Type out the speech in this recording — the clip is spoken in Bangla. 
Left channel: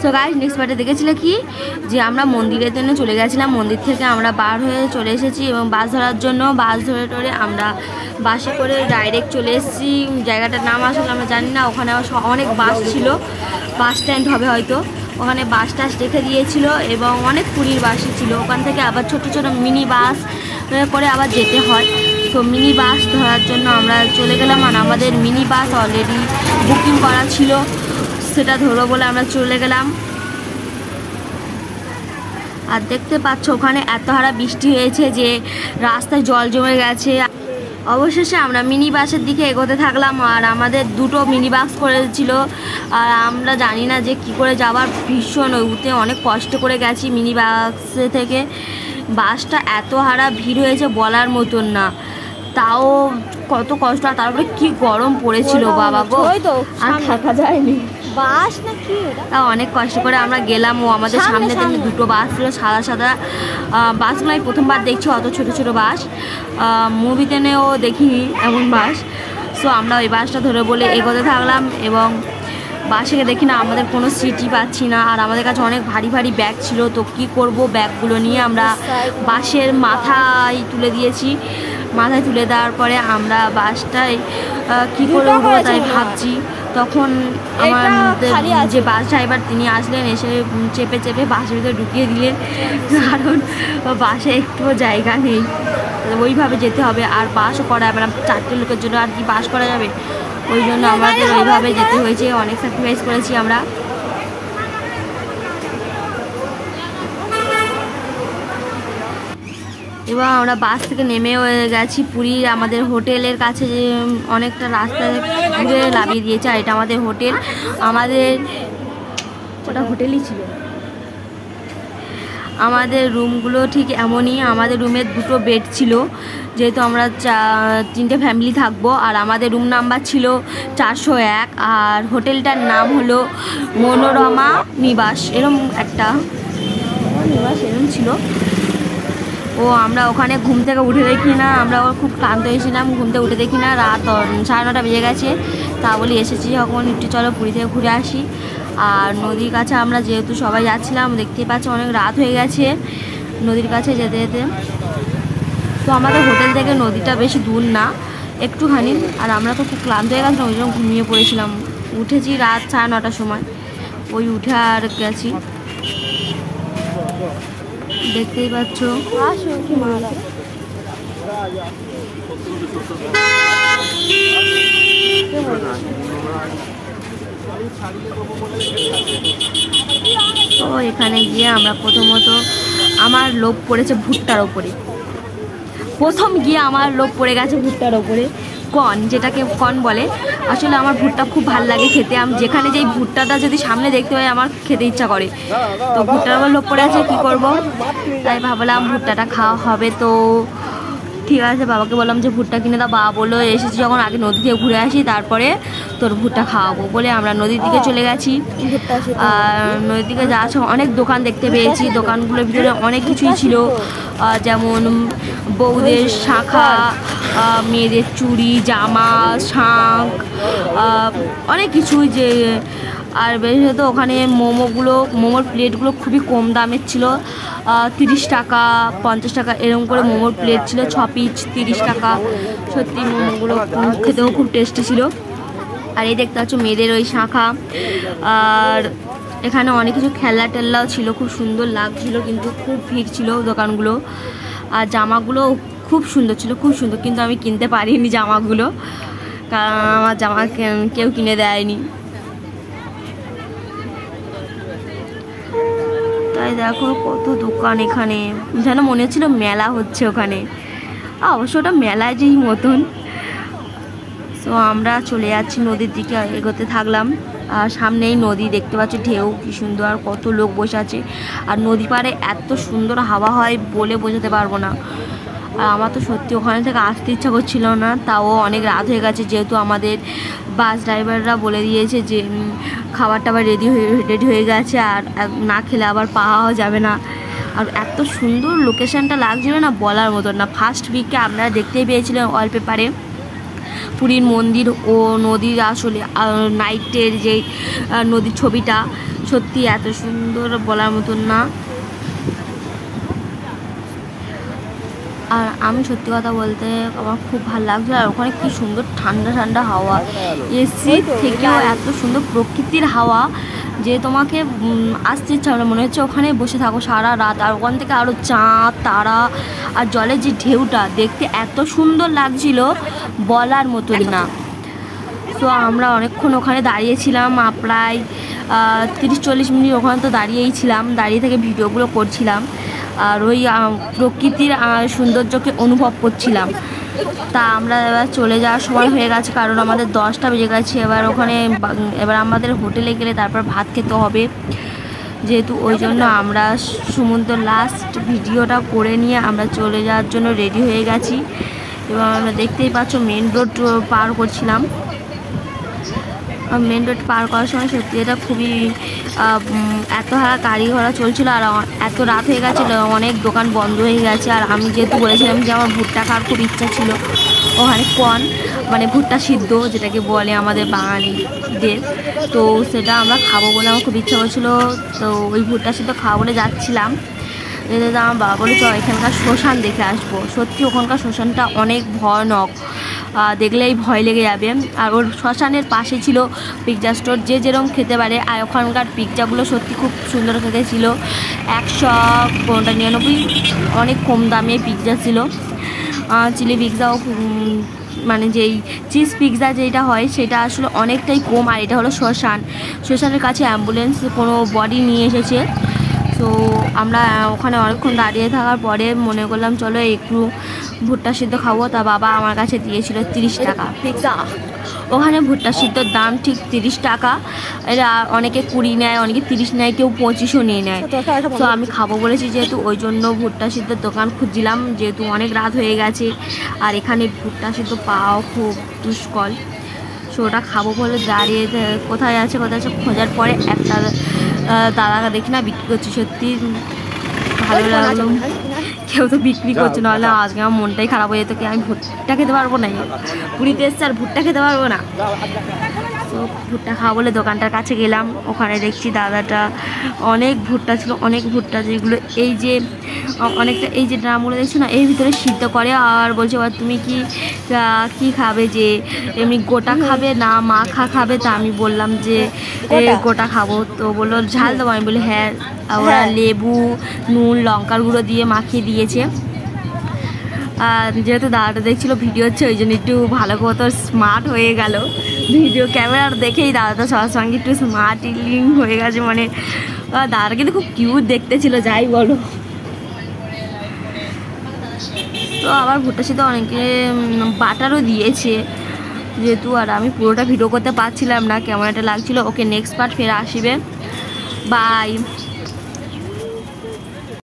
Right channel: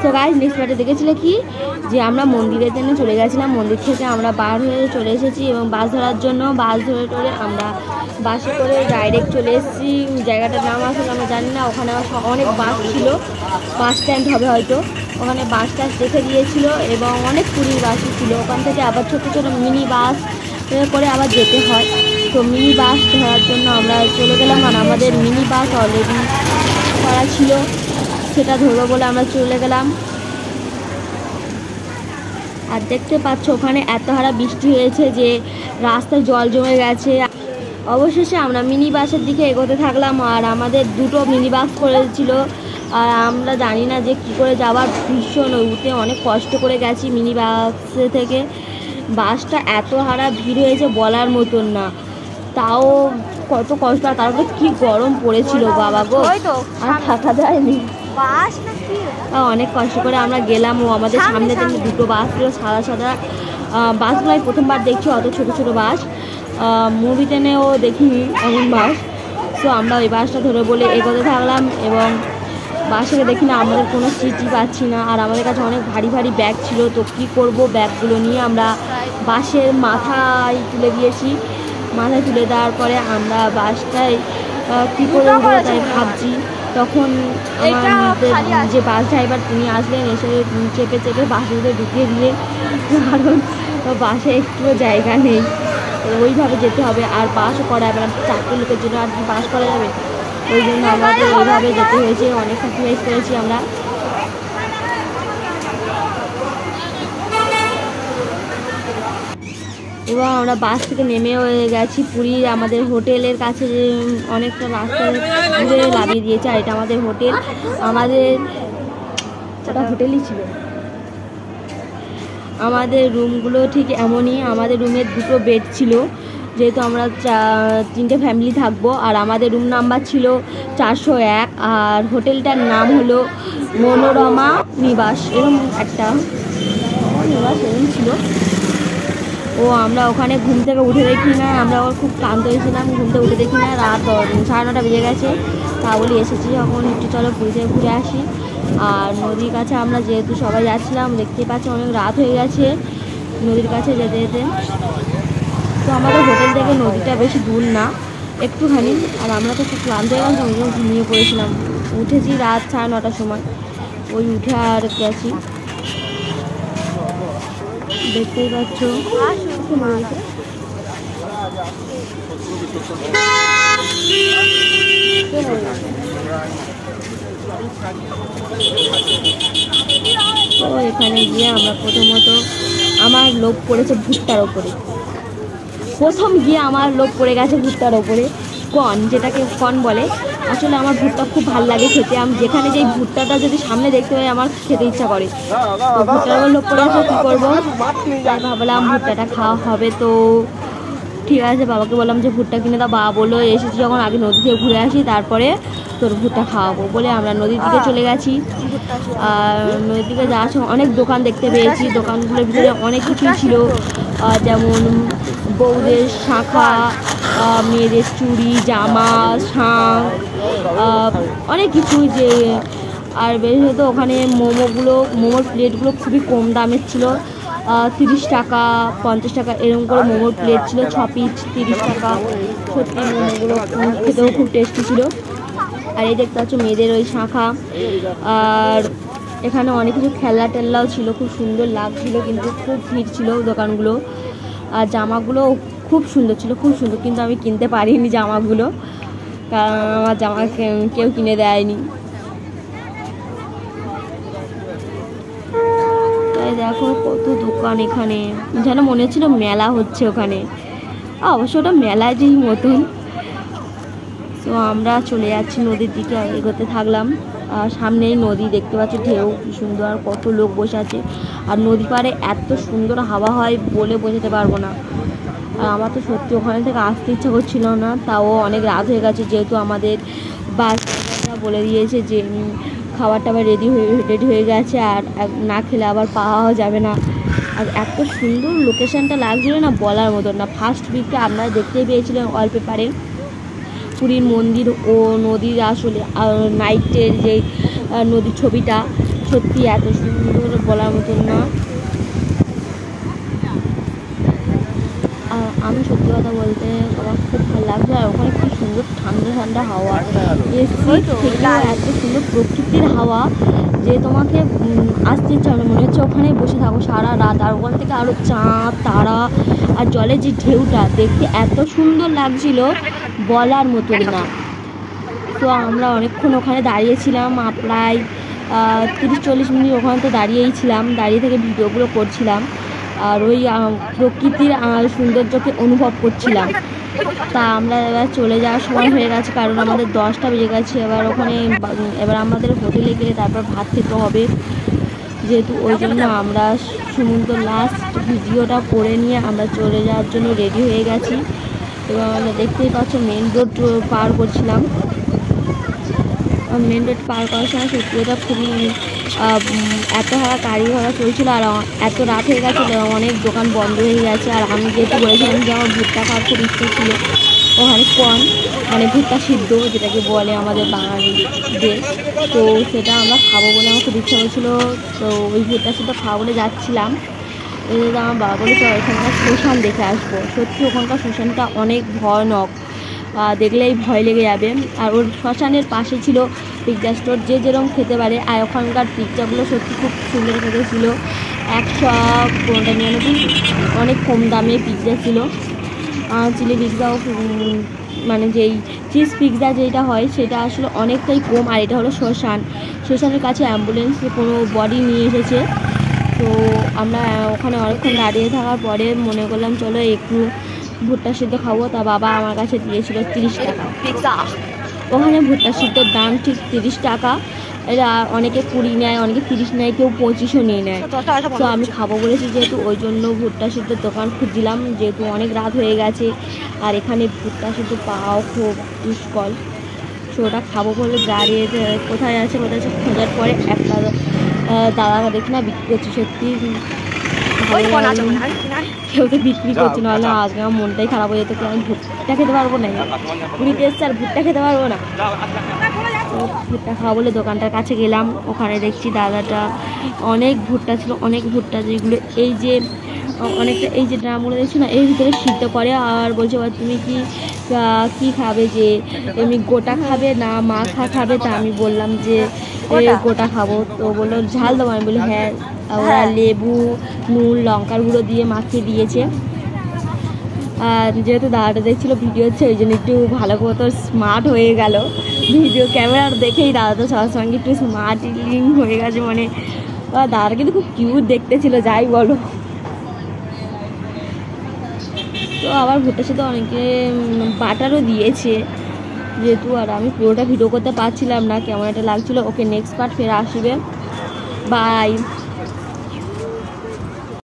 তো গাইস নেক্সট পার্টে দেখেছিলে কি যে আমরা মন্দিরের জন্য চলে গেছিলাম, মন্দির থেকে আমরা বার হয়ে চলে এসেছি এবং বাস ধরার জন্য বাস ধরে টরে আমরা বাসে করে ডাইরেক্ট চলে এসেছি। জায়গাটার নাম আসলে আমরা জানি না, ওখানে অনেক বাস ছিল, বাস স্ট্যান্ড হবে হয়তো, ওখানে বাস টাস রেখে দিয়েছিল এবং অনেক পুরীর বাসই ছিল। ওখান থেকে আবার ছোটো ছোটো মিনি বাস করে আবার যেতে হয়। তো মিনি বাস ধরার জন্য আমরা চলে গেলাম, আর আমাদের মিনি বাস অলরেডি বুকিং করা ছিল, সেটা ধরবো বলে আমরা চলে গেলাম। আর দেখতে পাচ্ছ ওখানে এত হারা বৃষ্টি হয়েছে যে রাস্তায় জল জমে গেছে। অবশেষে আমরা মিনি বাসের দিকে এগোতে থাকলাম, আর আমাদের দুটো মিনি বাস করেছিল, আর আমরা জানি না যে কি করে যাওয়ার, ভীষণ ওতে অনেক কষ্ট করে গেছি মিনি বাসে থেকে। বাসটা এত হারা ভিড় হয়েছে বলার মতন না, তাও কত কষ্ট, আর তারপরে কি গরম পড়েছিল বাবা গো, আর থাকা যায়নি। তাও অনেক কষ্ট করে আমরা গেলাম। ও আমাদের সামনে থেকে দুটো বাস ছিল সাদা সাদা বাসগুলোই প্রথমবার দেখছি, অত ছোট ছোট বাস, মুভিতে নেও দেখিনি এমন বাস। সো আমরা ওই বাসটা ধরে বলে এগোতে থাকলাম এবং বাসে দেখি না আমাদের কোনো সিটই পাচ্ছি না, আর আমাদের কাছে অনেক ভারী ভারী ব্যাগ ছিল। তো কি করব, ব্যাগগুলো নিয়ে আমরা বাসের মাথায় তুলে দিয়েছি। মাথায় তুলে দেওয়ার পরে আমরা বাসটায় কী করে উঠবো তাই ভাবছি। তখন আমাদের যে বাস ড্রাইভার তিনি আসলেন, এসে চেপে চেপে বাসের ভিতরে ঢুকিয়ে দিলেন, কারণ বাসে একটুও জায়গা নেই, ওইভাবে যেতে হবে। আর বাসও করা যাবে না, 4টে লোকের জন্য আর কি বাস করা যাবে, ওই জন্য আমাদের ওইভাবে যেতে হয়েছে। অনেক স্যাক্রিফাইস করেছি আমরা। এবার আমরা বাস থেকে নেমেও গেছি পুরী। আমাদের হোটেলের কাছে অনেকটা রাস্তায় ঘুরে নামিয়ে দিয়েছে, আর এটা আমাদের হোটেল। আমাদের ওটা হোটেলই ছিল। আমাদের রুমগুলো ঠিক এমনই, আমাদের রুমের দুটো বেড ছিল, যেহেতু আমরা 3টে ফ্যামিলি থাকবো। আর আমাদের রুম নাম্বার ছিল 401, আর হোটেলটার নাম হলো মনোরমা নিবাস, এরকম একটা নিবাস এরকম ছিল। ও আমরা ওখানে ঘুম থেকে উঠে দেখি না, আমরা খুব ক্লান্ত হয়েছিলাম, ঘুম থেকে উঠে দেখি না রাত 9:30 বেজে গেছে। তা বলি এসেছি যখন একটু চলো পুরী থেকে ঘুরে আসি। আর নদীর কাছে আমরা যেহেতু সবাই যাচ্ছিলাম, দেখতেই পাচ্ছি অনেক রাত হয়ে গেছে নদীর কাছে যেতে যেতে। তো আমাদের হোটেল থেকে নদীটা বেশি দূর না, একটুখানি। আর আমরা তো খুব ক্লান্ত হয়ে গেলাম, ওই জন্য ঘুমিয়ে পড়েছিলাম। উঠেছি রাত 9:30 সময়, ওই উঠে আর গেছি। দেখতেই পাচ্ছ তো এখানে গিয়ে আমরা প্রথমত আমার লোভ পড়েছে ভুট্টার ওপরে। প্রথম গিয়ে আমার লোভ পড়ে গেছে ভুট্টার ওপরে, কর্ন, যেটাকে কর্ন বলে। আসলে আমার ভুট্টা খুব ভালো লাগে খেতে, আমি যেখানে যেই ভুট্টাটা যদি সামনে দেখতে পাই আমার খেতে ইচ্ছা করে। তো ভুট্টার ওপর লোভ পড়ে আছে, কী করবো, তাই ভাবলাম ভুট্টাটা খাওয়া হবে। তো ঠিক আছে, বাবাকে বললাম যে ভুট্টা কিনে দাও। বাবা বললো এসেছি যখন আগে নদী থেকে ঘুরে আসি, তারপরে তোর ভুট্টা খাওয়াবো বলে আমরা নদীর দিকে চলে গেছি। আর নদীর দিকে যাওয়ার সময় অনেক দোকান দেখতে পেয়েছি, দোকানগুলোর ভিতরে অনেক কিছুই ছিল, যেমন বউদের শাঁখা, মেয়েদের চুড়ি, জামা, শাঁখ, অনেক কিছু। যে আর বিশেষত ওখানে মোমোর প্লেটগুলো খুবই কম দামের ছিল, 30 টাকা 50 টাকা এরকম করে মোমোর প্লেট ছিল, 6 পিস 30 টাকা। সত্যি মোমোগুলো খেতেও খুব টেস্টি ছিল। আর এই দেখতে পাচ্ছ মেয়েদের ওই শাঁখা। আর এখানে অনেক কিছু খেলনা টেল্লাও ছিল, খুব সুন্দর লাগছিল, কিন্তু খুব ভিড় ছিল দোকানগুলো। আর জামাগুলো খুব সুন্দর ছিল, খুব সুন্দর, কিন্তু আমি কিনতে পারিনি জামাগুলো, কারণ আমার জামা কেউ কিনে দেয়নি। তাই দেখো কত দোকান এখানে, যেন মনে হচ্ছিল মেলা হচ্ছে ওখানে, অবশ্য ওটা মেলায় যেই মতন। তো আমরা চলে যাচ্ছি নদীর দিকে, এগোতে থাকলাম। আর সামনেই নদী, দেখতে পাচ্ছি ঢেউ কি সুন্দর, আর কত লোক বসে আছে। আর নদী পাড়ে এত সুন্দর হাওয়া হয় বলে বোঝাতে পারবো না। আর আমার তো সত্যি ওখানে থেকে আসতে ইচ্ছা করছিল না, তাও অনেক রাত হয়ে গেছে, যেহেতু আমাদের বাস ড্রাইভাররা বলে দিয়েছে যে খাবার টাবার রেডি হয়ে গেছে, আর না খেলে আবার পাওয়া যাবে না। আর এত সুন্দর লোকেশানটা লাগছিল না বলার মতো না। ফার্স্ট উইকে আপনারা দেখতেই পেয়েছিলেন ওয়ালপেপারে পুরীর মন্দির ও নদীর আসলে নাইটের যে নদীর ছবিটা, সত্যি এত সুন্দর বলার মতন না। আর আমি সত্যি কথা বলতে আমার খুব ভালো লাগছে। আর ওখানে কি সুন্দর ঠান্ডা ঠান্ডা হাওয়া, এসি থেকেও এত সুন্দর প্রকৃতির হাওয়া যে তোমাকে আসতে ইচ্ছা হবে, মনে হচ্ছে ওখানে বসে থাকো সারা রাত। আর ওখান থেকে আরও চাঁদ তারা আর জলের যে ঢেউটা দেখতে এত সুন্দর লাগছিল বলার মতন না। তো আমরা অনেকক্ষণ ওখানে দাঁড়িয়েছিলাম, প্রায় 30-40 মিনিট ওখানে তো দাঁড়িয়েই ছিলাম, দাঁড়িয়ে থেকে ভিডিওগুলো করছিলাম আর ওই প্রকৃতির সৌন্দর্যকে অনুভব করছিলাম। তা আমরা এবার চলে যাওয়ার সময় হয়ে গেছে, কারণ আমাদের 10টা বেজে গেছে। এবার আমাদের হোটেলে গেলে তারপর ভাত খেতে হবে, যেহেতু ওই জন্য আমরা সমুদ্র লাস্ট ভিডিওটা করে নিয়ে আমরা চলে যাওয়ার জন্য রেডি হয়ে গেছি। এবং আমরা দেখতেই পাচ্ছ মেন রোড পার করছিলাম। মেন রোড পার করার সময় সত্যি এটা খুবই এত গাড়ি ঘোড়া চলছিল আর এত রাত হয়ে গেছিলো, অনেক দোকান বন্ধ হয়ে গেছে। আর আমি যেহেতু বলেছিলাম যে আমার ভুট্টা খাওয়ার খুব ইচ্ছা ছিল, ওখানে কর্ন মানে ভুট্টা সিদ্ধ যেটাকে বলে আমাদের বাঙালিদের, তো সেটা আমরা খাবো বলে আমার খুব ইচ্ছা হচ্ছিলো। তো ওই ভুট্টা সিদ্ধ খাওয়া বলে যাচ্ছিলাম, এতে আমার বাবা বলে চল এখানকার শ্মশান দেখে আসবো। সত্যি ওখানকার শ্মশানটা অনেক ভয়ানক, দেখলেই ভয় লেগে যাবে। আর ওর শ্মশানের পাশে ছিল পিৎজা স্টোর, যে যেরকম খেতে পারে। আর ওখানকার পিৎজাগুলো সত্যি খুব সুন্দর খেতে ছিল, 199, অনেক কম দামে পিৎজা ছিল। চিলি পিৎজাও মানে যেই চিজ পিৎজা যেটা হয় সেটা আসলে অনেকটাই কম। আর এটা হলো শ্মশানের কাছে অ্যাম্বুলেন্স কোনো বডি নিয়ে এসেছে। তো আমরা ওখানে অনেকক্ষণ দাঁড়িয়ে থাকার পরে মনে করলাম চলো একটু ভুট্টা সিদ্ধ খাবো। তা বাবা আমার কাছে দিয়েছিল 30 টাকা। ওখানে ভুট্টা সিদ্ধর দাম ঠিক 30 টাকা। এরা অনেকে 20 নেয়, অনেকে 30 নেয়, কেউ 25ও নিয়ে নেয়। তো আমি খাবো বলেছি যেহেতু, ওই জন্য ভুট্টা সিদ্ধের দোকান খুঁজছিলাম, যেহেতু অনেক রাত হয়ে গেছে আর এখানে ভুট্টা সিদ্ধ পাওয়া খুব দুষ্কর। সো ওটা খাবো বলে দাঁড়িয়ে কোথায় আছে খোঁজার পরে একটা দাদাকে দেখি না বিক্রি করছে। সত্যি কেউ তো বিক্রি করছে, নাহলে আজকে আমার মনটাই খারাপ হয়ে যেত, কি আমি ভুট্টা খেতে পারবো না, পুরীতে এসছে আর ভুট্টা খেতে পারবো না। তো ভুট্টা খাওয়া বলে দোকানটার কাছে গেলাম, ওখানে দেখছি দাদাটা অনেক ভুট্টা ছিল, অনেক ভুট্টা যেগুলো এই যে অনেকটা এই যে ড্রামগুলো দেখছো না এর ভিতরে সিদ্ধ করে। আর বলছে তুমি কি খাবে, যে এমনি গোটা খাবে না মাখা খাবে? তা আমি বললাম যে গোটা খাবো। তো বললো ঝাল দেবো? আমি বলি হ্যাঁ। ওরা লেবু নুন লঙ্কার গুঁড়ো দিয়ে মাখিয়ে দিয়েছে। আর যেহেতু দাদাটা দেখছিল ভিডিও হচ্ছে, ওই জন্য একটু ভালো মতো স্মার্ট হয়ে গেল ভিডিও ক্যামেরা দেখেই। দাদাটা সবার সঙ্গে একটু স্মার্ট হয়ে গেছে, মানে দাদাটা কিন্তু খুব কিউট দেখতে ছিল, যাই বলো। তো আবার ভুট্টা সিদ্ধ অনেকে বাটারও দিয়েছে যেহেতু। আর আমি পুরোটা ভিডিও করতে পারছিলাম না, কেমন একটা লাগছিল। ওকে নেক্সট পার্ট ফের আসবে, বাই।